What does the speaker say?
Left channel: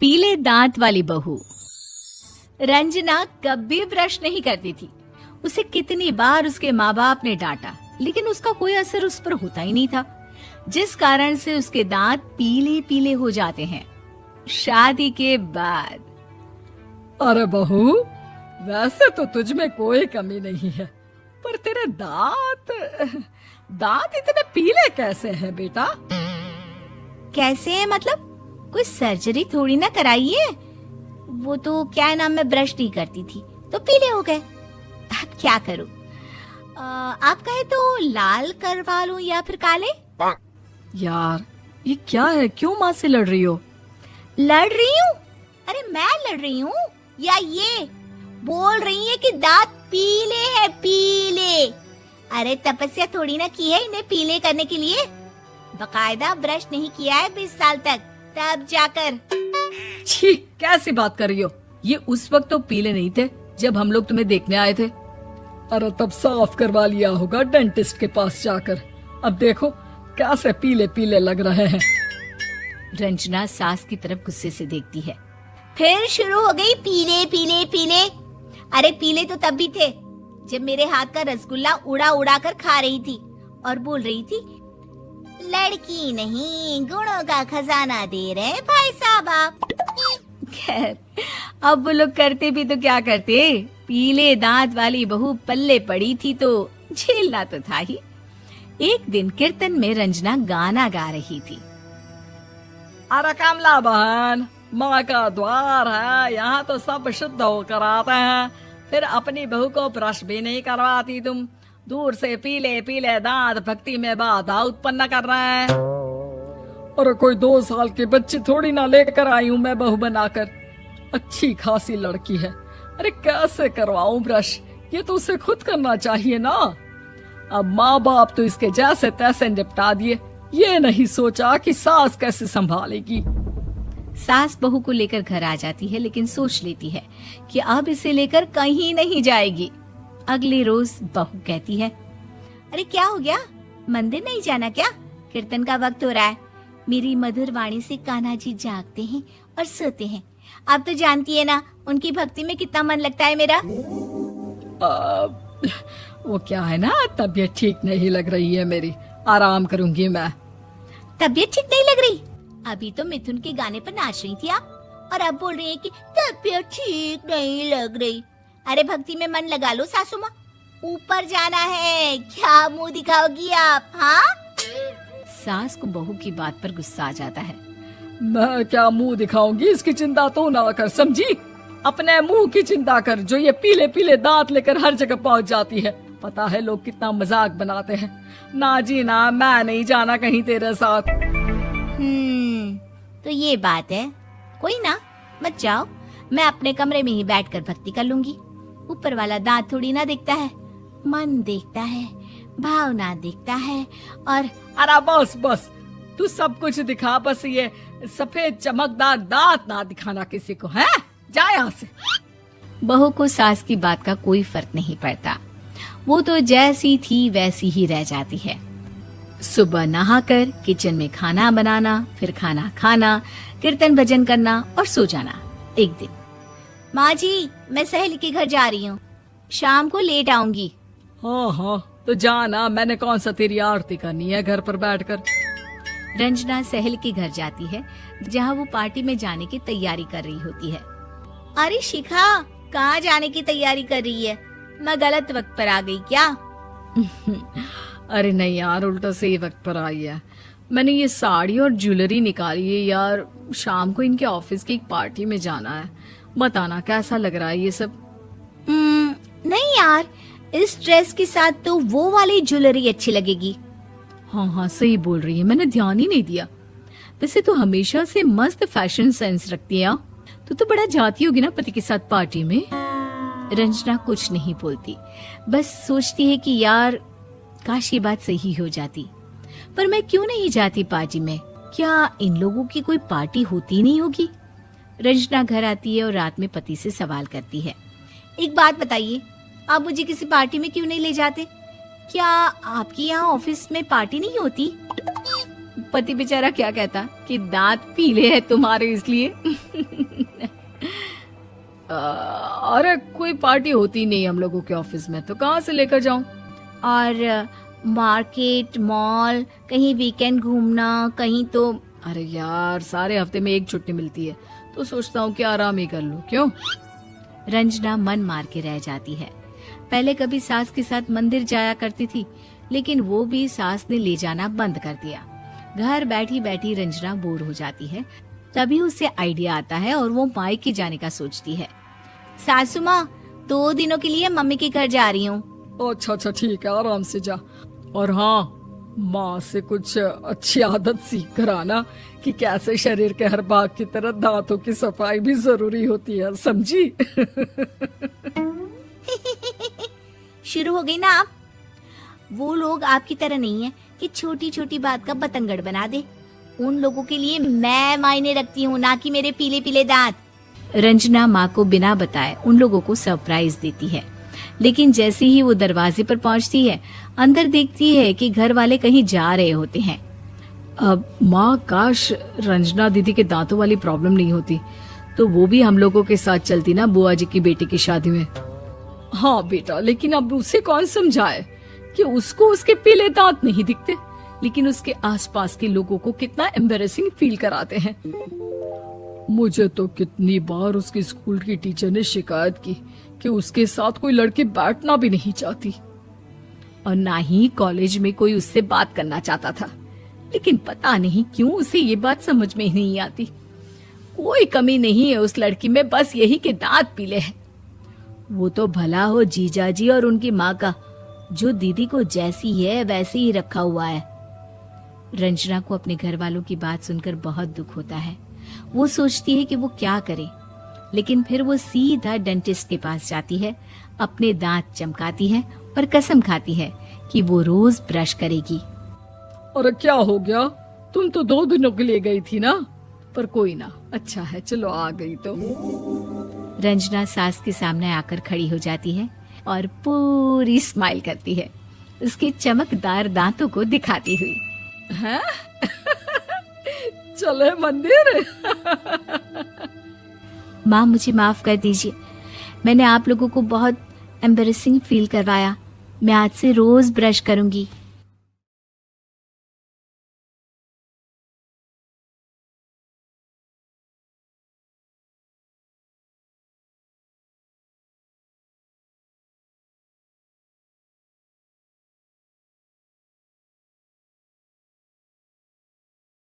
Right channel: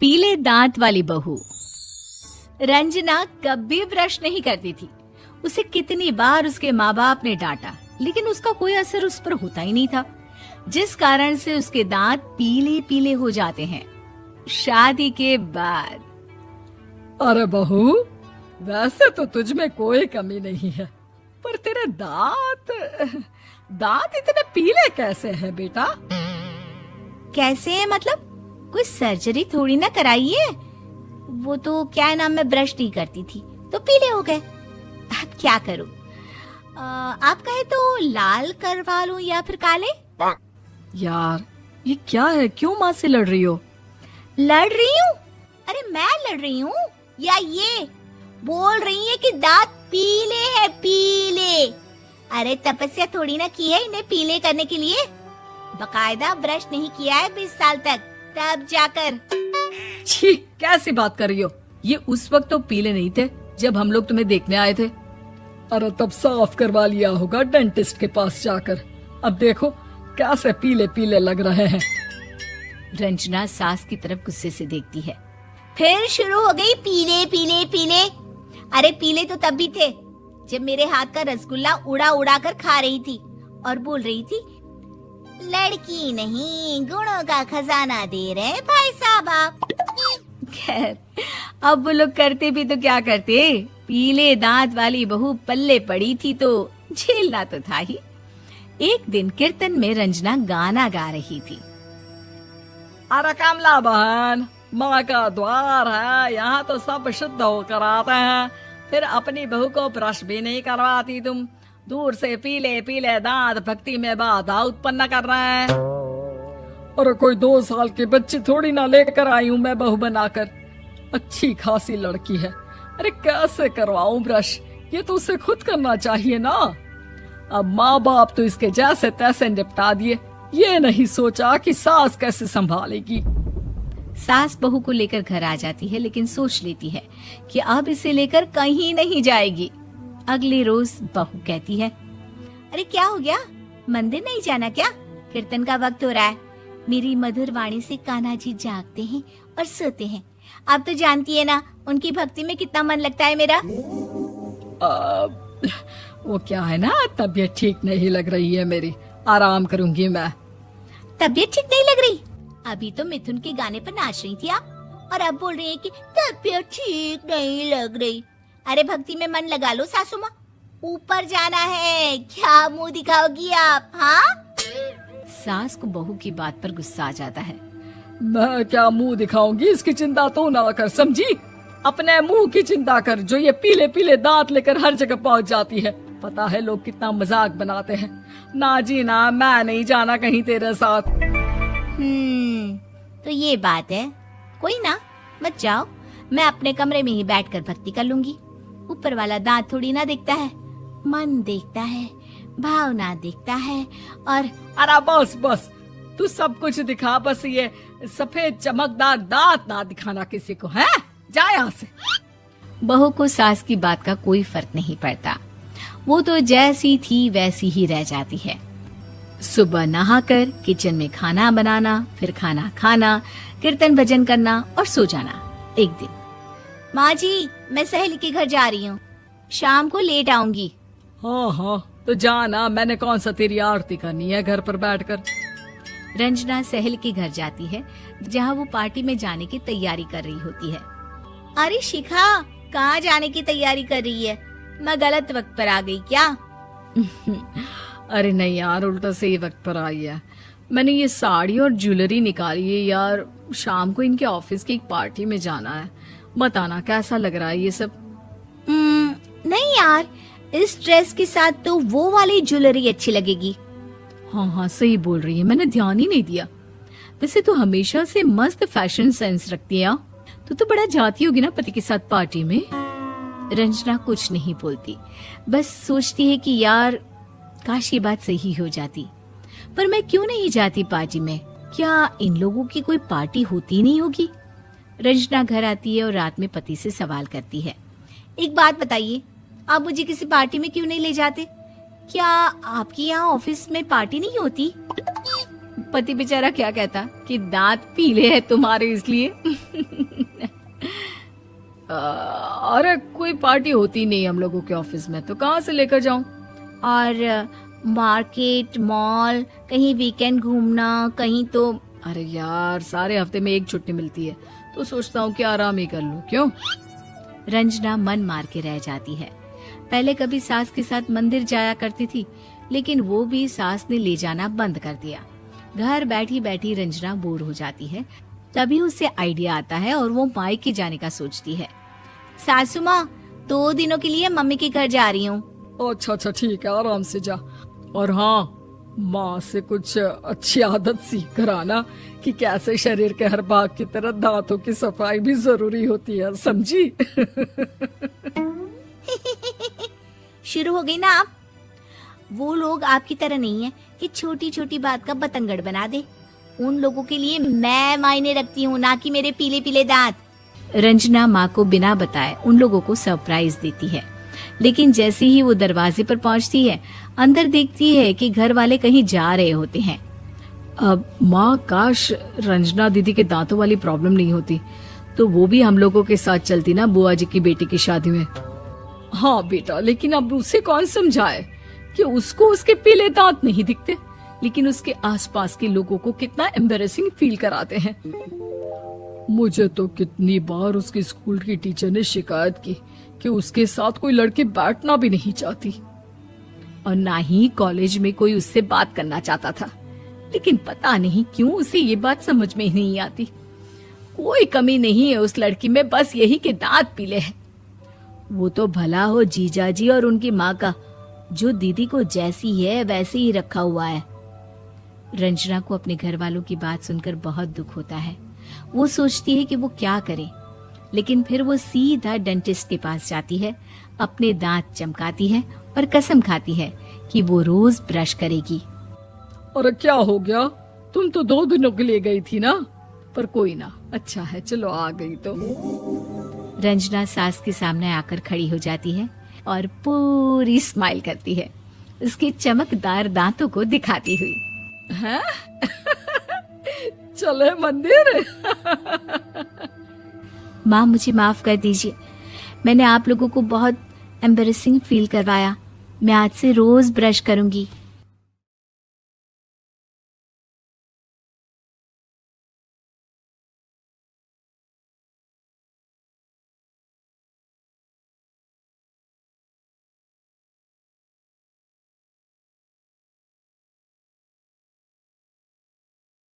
पीले दांत वाली बहू। रंजना कभी ब्रश नहीं करती थी। उसे कितनी बार उसके माँ बाप ने डांटा, लेकिन उसका कोई असर उस पर होता ही नहीं था, जिस कारण से उसके दांत पीले पीले हो जाते हैं। शादी के बाद। अरे बहू, वैसे तो तुझ में कोई कमी नहीं है, पर तेरे दांत इतने पीले कैसे हैं बेटा? कैसे मतलब? कोई सर्जरी थोड़ी ना कराइए। वो तो क्या नाम, मैं ब्रश नहीं करती थी तो पीले हो गए। अब क्या करूं? आप कहे तो लाल करवा लूं या फिर काले? यार ये क्या है, क्यों माँ से लड़ रही हो? लड़ रही हूँ? अरे मैं लड़ रही हूँ या ये बोल रही है कि दांत पीले हैं, पीले। अरे तपस्या थोड़ी ना की है इन्हें पीले करने के लिए। बकायदा ब्रश नहीं किया है 20 साल तक, तब जाकर। छी, कैसी बात कर रही हो? ये उस वक्त तो पीले नहीं थे जब हम लोग तुम्हें देखने आए थे। अरे तब साफ करवा लिया होगा डेंटिस्ट के पास जाकर। अब देखो कैसे पीले पीले लग रहे हैं। रंजना सास की तरफ गुस्से से देखती है। फिर शुरू हो गई पीले पीले पीले। अरे पीले तो तब भी थे जब मेरे हाथ का रसगुल्ला उड़ा उड़ा कर खा रही थी और बोल रही थी, लड़की नहीं गुणों का खजाना दे रहे भाई साहब आप। खैर, अब वो लोग करते भी तो क्या करते, पीले दांत वाली बहू पल्ले पड़ी थी तो झेलना तो था ही। एक दिन कीर्तन में रंजना गाना गा रही थी। अरे कमला बहन, माँ का द्वार है, यहाँ तो सब शुद्ध होकर आते हैं, फिर अपनी बहू को ब्रश भी नहीं करवाती तुम। दूर से पीले पीले दांत भक्ति में बाधा उत्पन्न कर रहे हैं। अरे कोई 2 साल के बच्चे थोड़ी ना लेकर आई हूँ मैं बहू बनाकर। अच्छी खासी लड़की है, अरे कैसे करवाऊं ब्रश? ये तो उसे खुद करना चाहिए ना। अब माँ बाप तो इसके जैसे तैसे निपटा दिए, ये नहीं सोचा कि सास कैसे संभालेगी। सास बहू को लेकर घर आ जाती है, लेकिन सोच लेती है कि अब इसे लेकर कहीं नहीं जाएगी। अगले रोज बहू कहती है, अरे क्या हो गया, मंदिर नहीं जाना क्या? कीर्तन का वक्त हो रहा है। मेरी मधुर वाणी से कान्हा जी जागते हैं और सोते हैं। आप तो जानती है ना उनकी भक्ति में कितना मन लगता है मेरा। वो क्या है ना, तबीयत ठीक नहीं लग रही है मेरी, आराम करूंगी मैं। तबीयत ठीक नहीं लग रही? अभी तो मिथुन के गाने पर नाच रही थी आप, और अब बोल रही है कि तबीयत ठीक नहीं लग रही। अरे भक्ति में मन लगा लो सासू माँ, ऊपर जाना है, क्या मुंह दिखाओगी आप? हाँ? सास को बहू की बात पर गुस्सा आ जाता है। मैं क्या मुंह दिखाऊंगी, इसकी चिंता तो ना कर, समझी? अपने मुंह की चिंता कर, जो ये पीले पीले दांत लेकर हर जगह पहुंच जाती है। पता है लोग कितना मजाक बनाते हैं। ना जी ना, मैं नहीं जाना कहीं तेरे साथ। तो ये बात है। कोई ना, मत जाओ, मैं अपने कमरे में ही बैठकर भक्ति कर लूंगी। ऊपर वाला दांत थोड़ी ना देखता है, मन देखता है, भावना देखता है। और अरे बस बस, तू सब कुछ दिखा, बस ये सफेद चमकदार दांत ना दिखाना किसी को, है? जा यहाँ से। बहू को सास की बात का कोई फर्क नहीं पड़ता, वो तो जैसी थी वैसी ही रह जाती है। सुबह नहाकर किचन में खाना बनाना, फिर खाना खाना, कीर्तन भजन करना और सो जाना। एक दिन, माँ जी मैं सहेली के घर जा रही हूँ, शाम को लेट आऊंगी। हाँ हाँ तो जाना, मैंने कौन सा तेरी आरती करनी है घर पर बैठकर। रंजना सहेली के घर जाती है, जहाँ वो पार्टी में जाने की तैयारी कर रही होती है। अरे शिखा, कहाँ जाने की तैयारी कर रही है? मैं गलत वक्त पर आ गई क्या? अरे नहीं यार, उल्टा सही वक्त पर आई है। मैंने ये साड़ी और ज्वेलरी निकाली है यार, शाम को इनके ऑफिस की एक पार्टी में जाना है। बताना कैसा लग रहा है ये सब? नहीं यार, इस ड्रेस के साथ तो वो वाली ज्वेलरी अच्छी लगेगी। हाँ हाँ सही बोल रही है, मैंने ध्यान ही नहीं दिया। वैसे तो हमेशा से मस्त फैशन सेंस रखती है। तो बड़ा जाती होगी ना पति के साथ पार्टी में। रंजना कुछ नहीं बोलती, बस सोचती है कि यार काश ये बात सही हो जाती, पर मैं क्यों नहीं जाती पार्टी में? क्या इन लोगों की कोई पार्टी होती नहीं होगी? रंजना घर आती है और रात में पति से सवाल करती है, एक बात बताइए, आप मुझे किसी पार्टी में क्यों नहीं ले जाते? क्या आपके यहाँ ऑफिस में पार्टी नहीं होती? पति बेचारा क्या कहता कि दांत पीले हैं तुम्हारे इसलिए। अरे कोई पार्टी होती नहीं हम लोगों के ऑफिस में, तो कहाँ से लेकर जाऊं? और मार्केट, मॉल, कहीं वीकेंड घूमना, कहीं तो। अरे यार सारे हफ्ते में एक छुट्टी मिलती है, तो सोचता हूँ कि आराम ही कर लूं। क्यों? रंजना मन मार के रह जाती है। पहले कभी सास के साथ मंदिर जाया करती थी, लेकिन वो भी सास ने ले जाना बंद कर दिया। घर बैठी बैठी रंजना बोर हो जाती है। तभी उसे आइडिया आता है और वो मायके जाने का सोचती है। सासू माँ, 2 दिनों के लिए मम्मी के घर जा रही हूँ। अच्छा अच्छा ठीक है, आराम से जा। और हाँ, माँ से कुछ अच्छी आदत सीख कर आना कि कैसे शरीर के हर भाग की तरह दांतों की सफाई भी जरूरी होती है, समझी? शुरू हो गई ना आप। वो लोग आपकी तरह नहीं है कि छोटी छोटी बात का बतंगड़ बना दे। उन लोगों के लिए मैं मायने रखती हूँ, ना कि मेरे पीले पीले दांत। रंजना माँ को बिना बताए उन लोगों को सरप्राइज देती है, लेकिन जैसे ही वो दरवाजे पर पहुंचती है, अंदर देखती है कि घर वाले कहीं जा रहे होते हैं। अब माँ, काश रंजना दीदी के दांतों वाली प्रॉब्लम नहीं होती, तो वो भी हम लोगों के साथ चलती ना बुआ जी की बेटी की शादी में। हाँ बेटा, लेकिन अब उसे कौन समझाए कि उसको उसके पीले दांत नहीं दिखते, लेकिन उसके आसपास के लोगों को कितना एम्बैरेसिंग फील कराते हैं। मुझे तो कितनी बार उसके स्कूल की टीचर ने शिकायत की कि उसके साथ कोई लड़की बैठना भी नहीं चाहती, और ना ही कॉलेज में कोई उससे बात करना चाहता था। लेकिन पता नहीं क्यों उसे ये बात समझ में ही नहीं आती। कोई कमी नहीं है उस लड़की में, बस यही कि दांत पीले हैं। वो तो भला हो जीजा जी और उनकी माँ का, जो दीदी को जैसी है वैसे ही रखा हुआ है। रंजना को अपने घर वालों की बात सुनकर बहुत दुख होता है। वो सोचती है कि वो क्या करे, लेकिन फिर वो सीधा डेंटिस्ट के पास जाती है, अपने दांत चमकाती है और कसम खाती है कि वो रोज ब्रश करेगी। अरे क्या हो गया? तुम तो 2 दिनों के लिए गई थी ना, पर कोई ना, अच्छा है, चलो आ गई तो। रंजना सास के सामने आकर खड़ी हो जाती है और पूरी स्माइल करती है, उसके चमकदार दांतों को दिखाती हुई। हैं? चले मंदिर। माँ, मुझे माफ कर दीजिए, मैंने आप लोगों को बहुत एम्बैरेसिंग फील करवाया। मैं आज से रोज ब्रश करूंगी।